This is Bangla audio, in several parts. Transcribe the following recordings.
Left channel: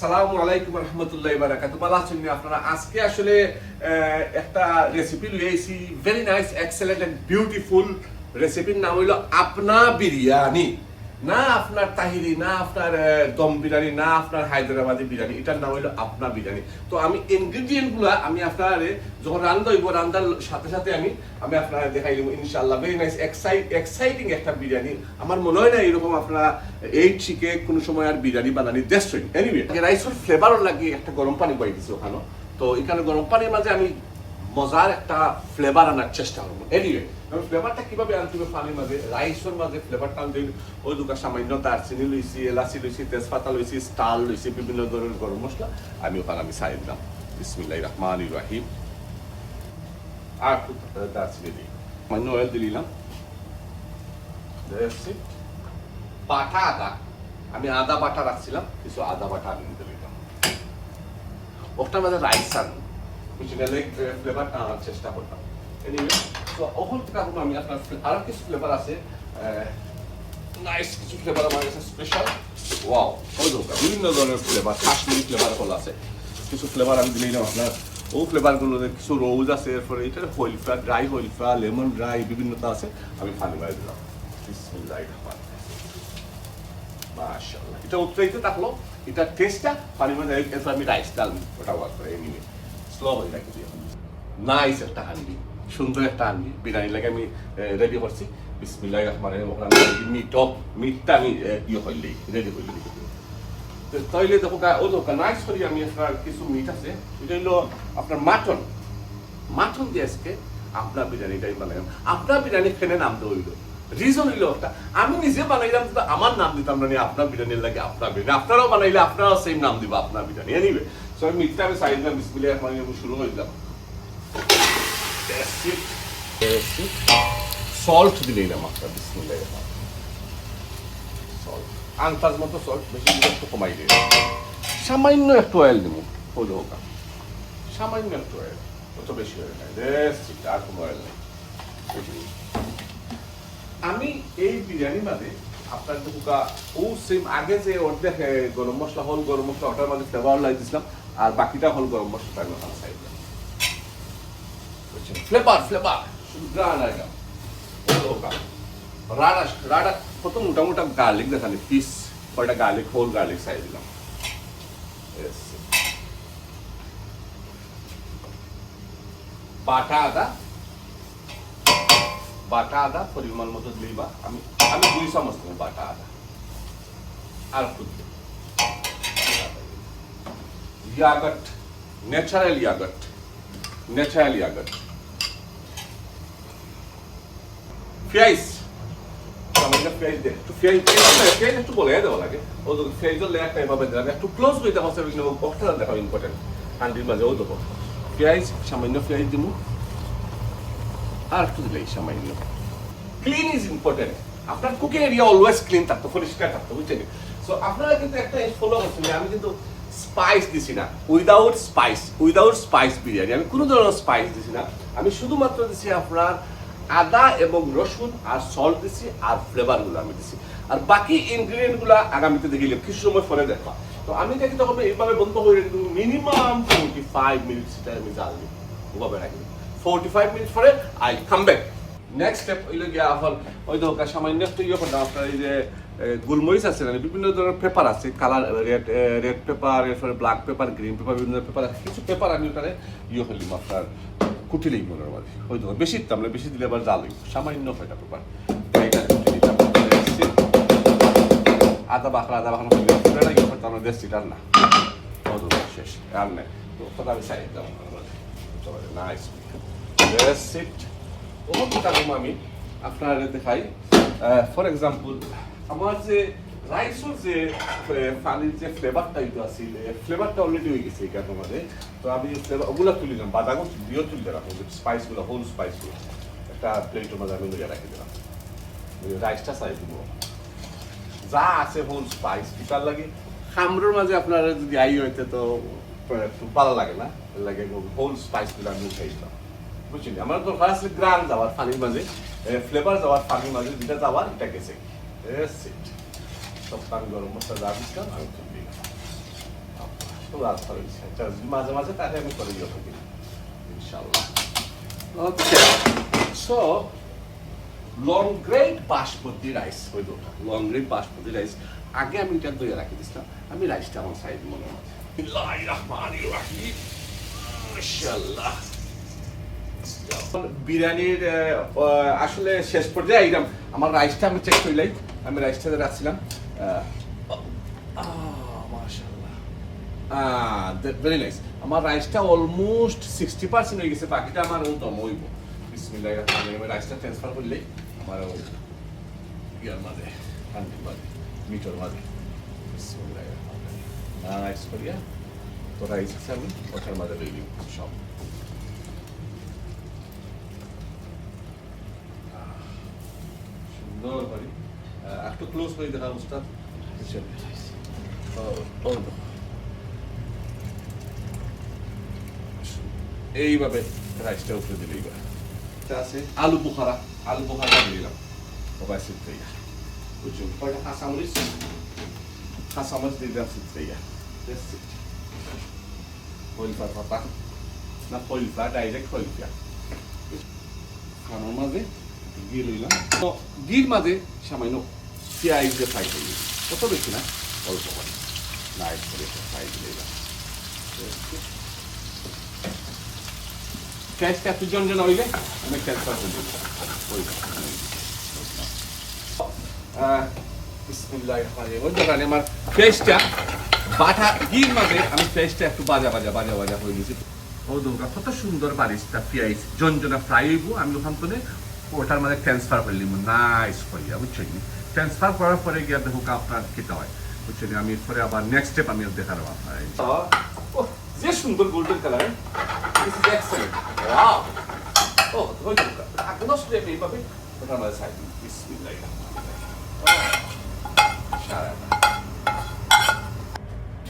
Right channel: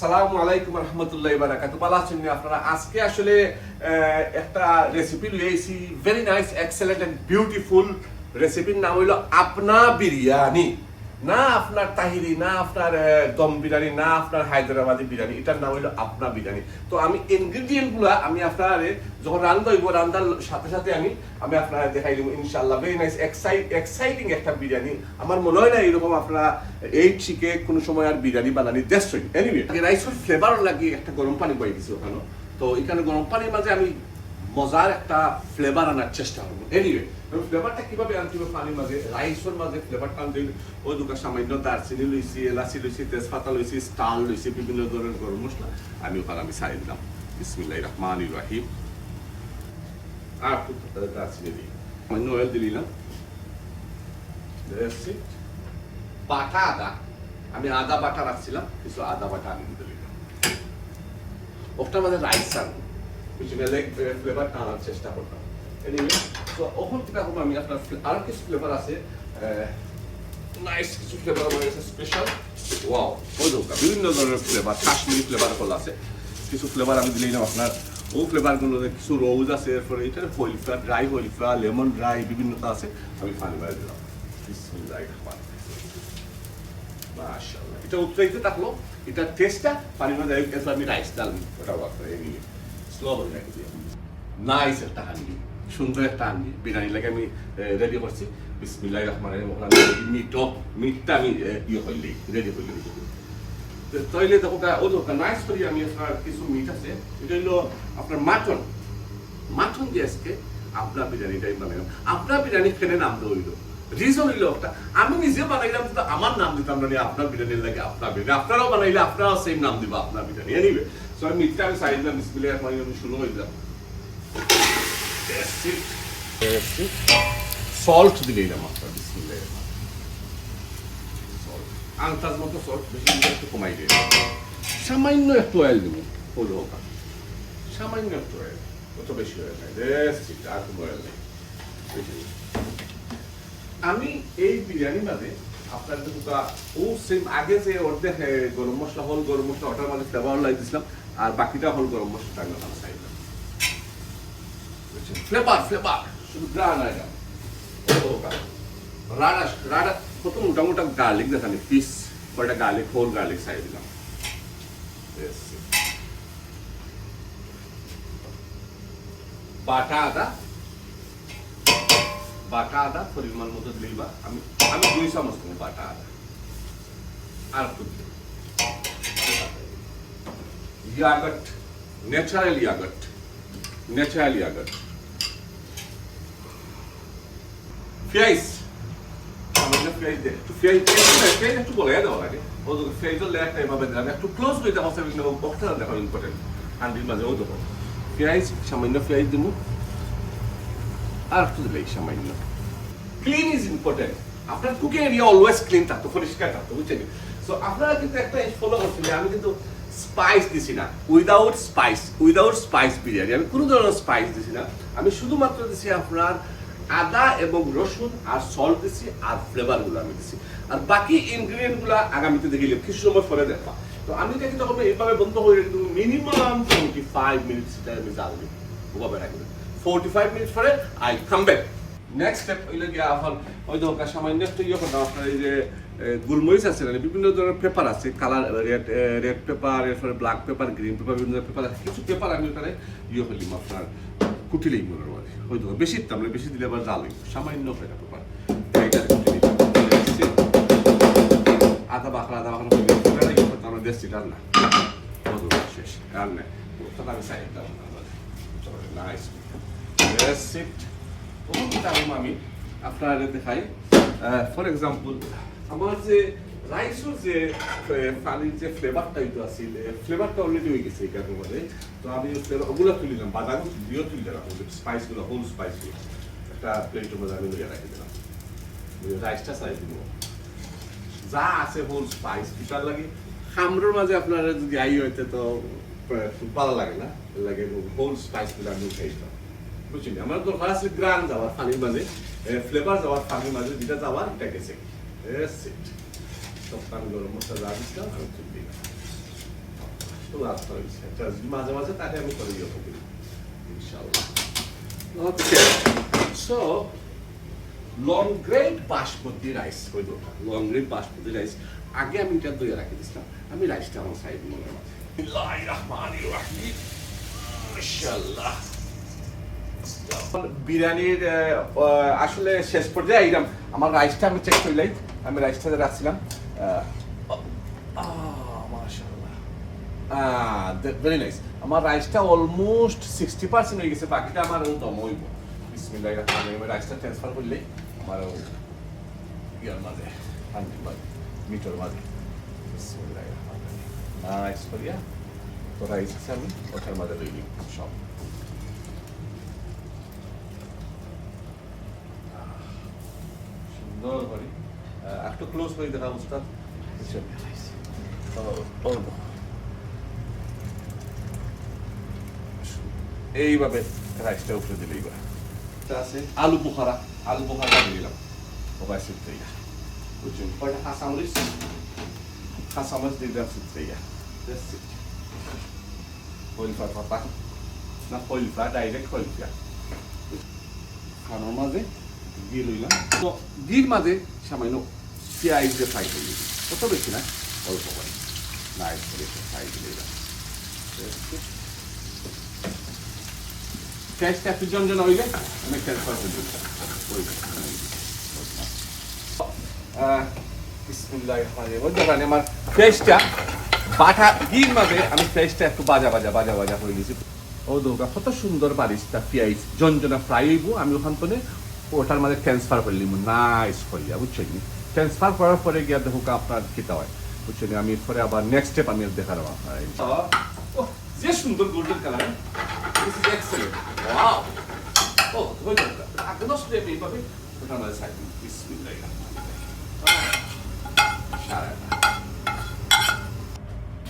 সালামু আলাইকুম রহমতুল্লাহি ওয়া বারাকাতুহু। ভালো আছেন আপনারা? আজকে আসলে একটা রেসিপি লইছি, very nice, excellent and beautiful. রেসিপির নাম হইল আপনা বিরিয়ানি। না আপনার তাহিরি, না আপনার দম বিরিয়ানি, না আপনার হায়দ্রাবাদি বিরিয়ানি, এটার নাম হইলো আপনা বিরিয়ানি। তো আমি ইনগ্রিডিয়েন্ট গুলা আমি আপনার যখন রান্না হইব, রান্নার সাথে সাথে আমি আপনারা দেখাই দেবো ইনশাআল্লাহ। ভেরি নাইস, এক্সাইটিং একটা বিরিয়ানি। আমার মনে হয় না এরকম আপনারা এই শিখে কোনো সময় আর বিরিয়ানি বানানি দেশ হই। এনিওয়ে, রাইসের ফ্লেভার লাগিয়ে একটা গরম পানি বই দিছি ওখানে। তো এখানে গরম পানির মাঝে আমি মজার একটা ফ্লেভার আনার চেষ্টা করবো। এনিওয়ে, আমি ফ্লেভারটা কিভাবে আনতে হবে পানির মাঝে, রাইসের মাঝে ফ্লেভারটা আনতে ওই দুটো সামান্য দারচিনি লইছি, এলাচি লইছি, তেজপাতা লইছি, স্টার লইছি, বিভিন্ন ধরনের গরম মশলা আমি ওখানে সারি দিলাম। বিসমিল্লাহির রহমানির রহিম। আর একটু দারচিনি দিই, সামান্য অয়েল দিলাম। বাটা আদা, আমি আদা বাটা রাখছিলাম, কিছু আদা বাটা আমি দিতে দিলাম। ওটার মধ্যে রাইস আনবো, ফ্লেভারটা আনার চেষ্টা করতাম। এনিওয়ে, তো ওখান থেকে এখন আমি আপনার আরো কিছু ফ্লেভার আছে, নাইস কিছু ফ্লেভার আমার কাছে স্পেশাল। ওয়াও, বিভিন্ন ধরনের ফ্লেভার, কাশ্মীরি ফ্লেভার হল আছে। কিছু ফ্লেভার আমি দিলাম আপনার, ও ফ্লেভারগুলো কিছু রোজ আছে, এরপরে এটা wheel flower, dry wheel flower, lemon dry, বিভিন্নতা আছে। আমি পানি বাড়ি দিলাম। বিসমিল্লাহির রহমানির রহিম। মাশাআল্লাহ, এটা উত্তরাইতে থাকলো, এটা টেস্টটা পানির মধ্যে এরপর আমি রাইস ডালবো, ওটা ওয়াক করে নিয়ে স্লো হয়ে রাখি দিও। নাইস একটা হান্ডি, সুন্দর একটা হান্ডি বিরিয়ানি লাগে আমি রেডি করছি। বিসমিল্লাহির রহমানির রহিম। ওখানে মিটটা আমি ইয়ে হইলি রেডি হইলি। তাইলে দেখো ও দোকান নাইস করি আমি আপনার কিছু মিট আছে, এটা হইলো আপনার মাটন দিয়ে আজকে আপনার বিরিয়ানিটাই বানাইলাম। আপনার বিরিয়ানি খেলে নাম দেওয়া হইলো, রিজন হইলো একটা, আমি নিজে বানাইলাম তো আমার নাম দিতাম না, আপনার বিরিয়ানির লাগে আপনার বিরিয়ানি, আপনারাও বানাইলে আপনারাও সেম নাম দিব আপনার বিরিয়ানি। এনিওয়ে, সো আমি মিটটা আমি সাইড দিলাম, বিসমিল্লাহির রহমানির রহিম শুরু করে দিলাম। সল্ট দিলাম আপনার, বিসমিল্লাহির রহমানির রহিম। সল্ট আন্দাজ মতো সল্ট, বেশি দিলে একটু কমাই দিই। সামান্য একটু অয়েল দেবো, হলো ওটা, সামান্য একটু অয়েল, অত বেশি অয়েল নেই, আর কোনো অয়েল নেই। আমি এই বিরিয়ানি মাঝে আপনার দুকা ও সেম আগে যে অর্ধেক গরম মশলা হল, গরম মশলা ওটার মাঝে ফ্লেভার লাই দিছিলাম, আর বাকিটা হল গরম মশলা আমি ওখানে সাইড দিলাম। ফ্লেভার শুধু গ্রান আইলাম, রাডা কত মোটা মোটা গার্লিক দেখানি, পিস কয়টা গার্লিক, হোল গার্লিক সাইড দিলাম। বাটা আদা পরিমাণ মতো দিবা, আমি 2 চামচ দেবো বাটা আদা। আর একটু ইয়াগট, ন্যাচারাল ইয়াগট। পেঁয়াজ, আমাদের পেঁয়াজ দে, পেঁয়াজ একটু বলে দেওয়া লাগে, ও পেঁয়াজের লেয়ারটা এভাবে দিলাম, একটু ক্লোজ করে দেওয়া হচ্ছে, বক্সটা দেখো ইম্পর্টেন্ট, হান্ডির মাঝেও দেবো পেঁয়াজ, সামান্য পেঁয়াজ দিব, আর একটু দিলে সামান্য। ক্লিন ইজ ইম্পর্টেন্ট, আপনার কুকিং এরিয়া অলওয়েজ ক্লিন থাকতো, পরিষ্কার থাকতো, বুঝছেন? সো আপনারা কিন্তু একটা ফলো করছেন, আমি কিন্তু স্পাইস দিছি না, উইদাউট স্পাইস বিরিয়ানি, আমি কোনো ধরনের স্পাইস দিছি না, আমি শুধুমাত্র দিছি আপনার আদা এবং রসুন আর সল্ট দিছি, আর ফ্লেভার গুলো আমি দিছি, আর বাকি ইনগ্রিডিয়েন্ট গুলো আগামীতে দেখিলে কিছু সময় পরে দেখবা। তো আমি দেখি তখন এইভাবে বন্ধ করে মিনিমাম 45 মিনিটস আমি জাল দিই, ওভাবে রাখি। 45 মিনিট পরে I come back. Next step হইলে গিয়া এখন ওই তো সামান্য একটু ইয়ে করতাম আপনার, এই যে গোলমরিচ আছে না, বিভিন্ন ধরনের পেপার আছে, কালার রেড পেপার, এরপরে ব্ল্যাক পেপার, গ্রিন পেপার, বিভিন্ন পেপার আছে, কিছু পেপার আমি ওখানে ইয়ে করলাম আপনার কুটিলেই মনের মাঝে, ওই তো বেশি দিতাম না, বেশি দিলে আবার জাল হইব, সামান্য কয়টা পেপার আদা বাখরা আমরা দেশি ডাল না, শেষ আর নেই, কথা আমি চাই দিলাম নাইস। আমি আপনার দেখাই, ফর এক্সাম্পল আমার যে রাইসের যে পানির যে ফ্লেভারটা আছে, ফ্লেভারটা অলরেডি হয়ে গেছে এখানে মধ্যে। তো আমি ওগুলো তুলে দিলাম, বাদাম দিয়েও তুলে রাখবো, স্পাইসগুলো, হোল স্পাইসগুলো একটা প্লেটের মধ্যে আমি লইয়া রাখি দিলাম। রাইসটা চাই দিব যা আছে হোল স্পাইস, পিতার লাগে খামরের মাঝে আপনার যদি আই হইতে তো ভালো লাগে না, লাগে হোল স্পাইসগুলো আমি উঠাই দিলাম, বুঝছেন? আমার দরকার আছে গ্রান যাওয়ার পানির মাঝে, ফ্লেভার যাওয়ার পানির মাঝে, যেটা যাওয়ার এটা গেছে। সব আমি গরম মশলা যা দিচ্ছিলাম আমি তুলে দিলাম। রাত হয়েছে মাঝে মাঝে তাকে আমি করে দিয়ে থাকি ইনশাআল্লাহ। Okay, so long grain basmati rice হইল, লং গ্রেড বাসমতি রাইস আগে আমি এটা দইয়ে রাখি দিছিলাম। আমি রাইসটা আমার সাইড মনে হয় মাশাআল্লাহ। বিরিয়ানির আসলে শেষ পর্যায়ে আইলাম। আমার রাইসটা আমি চেক করলাই, আমি রাইসটা রাখছিলাম মাশাআল্লাহ, ভেরি নাইস। আমার রাইসটা অলমোস্ট 60% হয়ে গেছে, বাকিটা আমার দম হইব। বিসমিল্লাহির রহমানির রহিম। রাইসটা ট্রান্সফার করলেই আমার ইয়ার মাঝে হান্ডির মাঝে মিটর মাঝে বিসমিল্লাহির রহমানির রহিম নাইস করিয়া তো রাইস আছে আমি ওটার মাঝে দিয়ে দিব সব। সুন্দর করে একটু ক্লোজ করে দেখা উস্তাদ। এইভাবে রাইসটা উপরে দিলে এইবার আছে আলু বুখারা, আলু বুখারা দিয়ে দিলাম ওবাই সিদ্ধ বুঝছেন। কয়টা কাঁচামরিচ, কাঁচামরিচ দিয়ে দিলাম সিদ্ধ হইলফা পাতা না হইলফা ডাইরেক্ট হইলফা খানোর মাঝে ঘি লইলাম। তো ঘির মাঝে সামান্য পেঁয়াজ দিয়ে ফ্রাই করে দিলাম, কত বেশি না অল্প করে নাইস করে ফ্রাই দিয়ে দিলাম। পেঁয়াজটা একটু জনজন হইলে আমি ট্রান্সফার করে দিলাম। আমার পেঁয়াজটা বাটা ঘির মাঝে আমি পেঁয়াজটা একটু বাজা বাজা বাজা বাজা হয়ে গেছি। ও দৌকা কত সুন্দর বারিশটা পেঁয়াজ জনজনা ফ্রাই হইব। আমি ওখান থেকে ওটার মাঝে ট্রান্সফার করে নিব নাইস করিয়া, বুঝছেন। ট্রান্সফার করার পরে গিয়া দেখো আপনার খেতে হয়, বুঝছেন। আমি পরে আবার নেক্সট স্টেপ আমি দেখাবো আপনার। যে সুন্দর golden colour, this is excellent. Wow, ও ধরে দৌকা একদম স্টেপ এইভাবে ওটার মাঝে সাইড বিসমিল্লাহির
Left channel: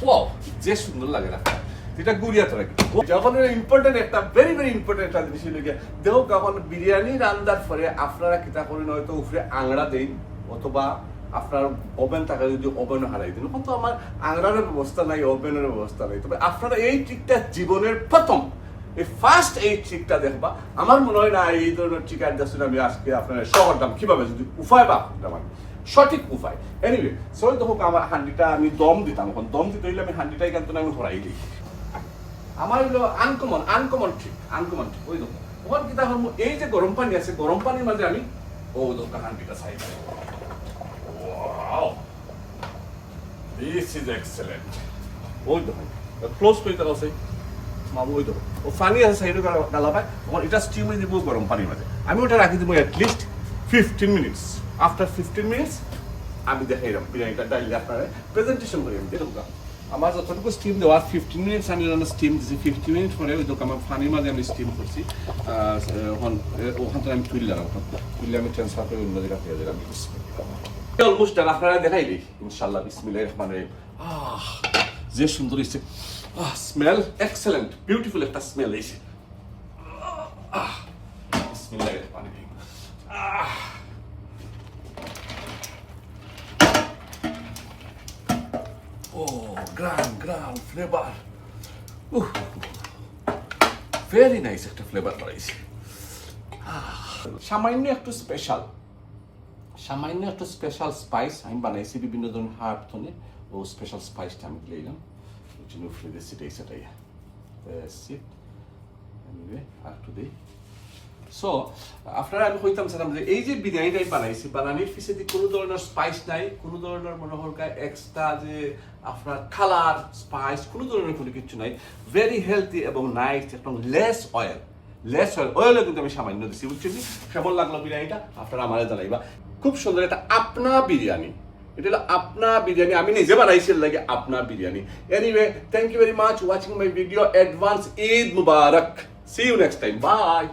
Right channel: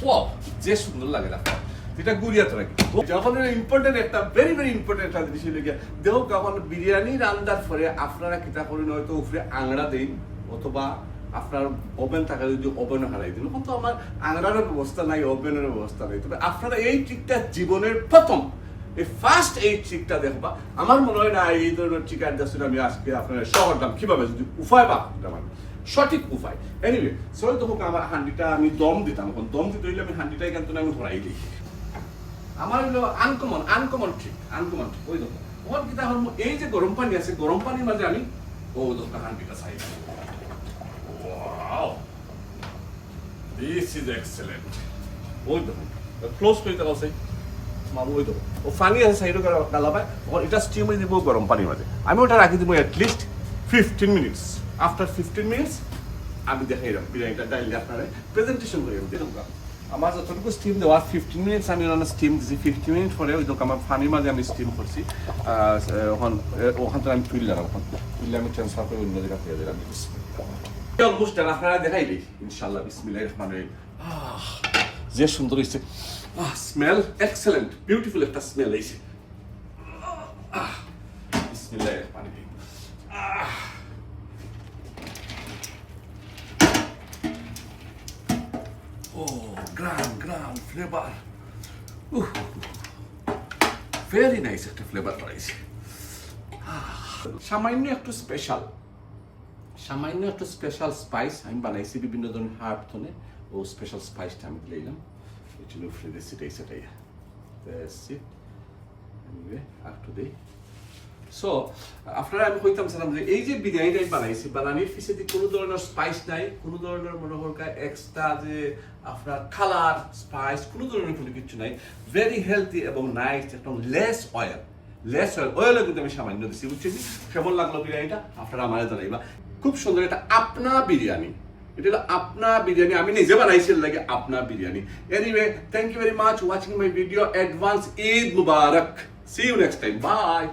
ওয়াও, যে সুন্দর লাগে না এটা গুড়িয়া তো রাখি। যখন ইম্পর্টেন্ট একটা ভেরি ভেরি ইম্পর্টেন্ট একটা জিনিস হলো গিয়া দেখো কখন বিরিয়ানি রান্নার পরে আপনারা কিতা করেন, হয়তো উপরে আংড়া দেন অথবা আপনার ওভেন থাকা যদি ওভেন হারাই দিন। কিন্তু আমার আংড়ারও ব্যবস্থা নাই, ওভেনের ব্যবস্থা নাই। তবে আপনারা এই ট্রিকটা জীবনের প্রথম এই ফার্স্ট এই ট্রিকটা দেখবা। আমার মনে হয় না এই ধরনের ট্রিক দেখছেন আমি আজকে আপনার শহরদাম কিভাবে যদি উপায় বা মানে সঠিক উপায়। এনিওয়ে সরি দেখো আমার হান্ডিটা আমি দম দিতাম, এখন দম দিতে হইলে আমি হান্ডিটা এখান থেকে আমি ধরাই দিই। আমার হলো আনকমন ট্রিক ওই দেখো ওখান কি তাহলে এই যে গরম পানি আছে, গরম পানির মাঝে আমি ও দেখো হান্ডিটা side. Wow, this is excellent. ওই দেখো ক্লোজ করে দেওয়া আছে মামু, ওই দেখো ও পানি আছে সাইডে করে ডালা পায়। তখন এটা স্টিম হয়ে দিব গরম পানির মাঝে। আমি ওটা রাখি দিব অ্যাটলিস্ট 15 মিনিটস। আফটার 15 মিনিটস আমি দেখাইলাম বিরিয়ানিটা ডাইলে আপনারা প্রেজেন্টেশন করি। আমি দেখুন আমার যতটুকু স্টিম দেওয়া 15 মিনিটস আমি স্টিম দিচ্ছি। 15 মিনিট পরে ওই দোকান আমার পানির মাঝে আমি স্টিম করছি। ওখান থেকে আমি তুললাম, তুললে আমি ট্রান্সফার করে অন্য জায়গা ফেলে দিলাম। অলমোস্ট ডান, আপনারা দেখাইলি ইনশাল্লাহ। বিসমিল্লাহির রহমানির রহিম। যে সুন্দর হয়েছে, স্মেল এক্সেলেন্ট, বিউটিফুল একটা স্মেল হয়েছে। বিসমিল্লাহির রহমানির রহিম। Oh, গ্রাম ফ্লেভার, ভেরি নাইস একটা ফ্লেভার বাড়াইছে। সামান্য একটু স্পেশাল স্পাইস আমি বানাইছি বিভিন্ন ধরনের হার্ব ধনে। ও স্পেশাল স্পাইসটা আমি দিলাম এই জন্য ফ্রিজে সেটাই একটু দিই। সো আপনারা আমি কইতাম যে এই যে বিরিয়ানিটা বানাইছি, বানানির পিছনে কোনো ধরনের স্পাইস নাই, কোনো ধরনের মনে হয় এক্সট্রা যে আপনার কালার স্পাইস কোনো ধরনের কোনো কিছু নাই। ভেরি হেলদি এবং নাইস এবং লেস অয়েল কিন্তু আমি সামান্য দিচ্ছি, বুঝছি। কেমন লাগলো বিরিয়ানিটা আপনারা আমাদের জানাইবা। খুব সুন্দর একটা আপনা বিরিয়ানি, এটা হলো আপনা বিরিয়ানি, আমি নিজে বানাইছি লাগে আপনা biryani. Anyway thank you very much watching my video. Advance Eid Mubarak. See you next time, by.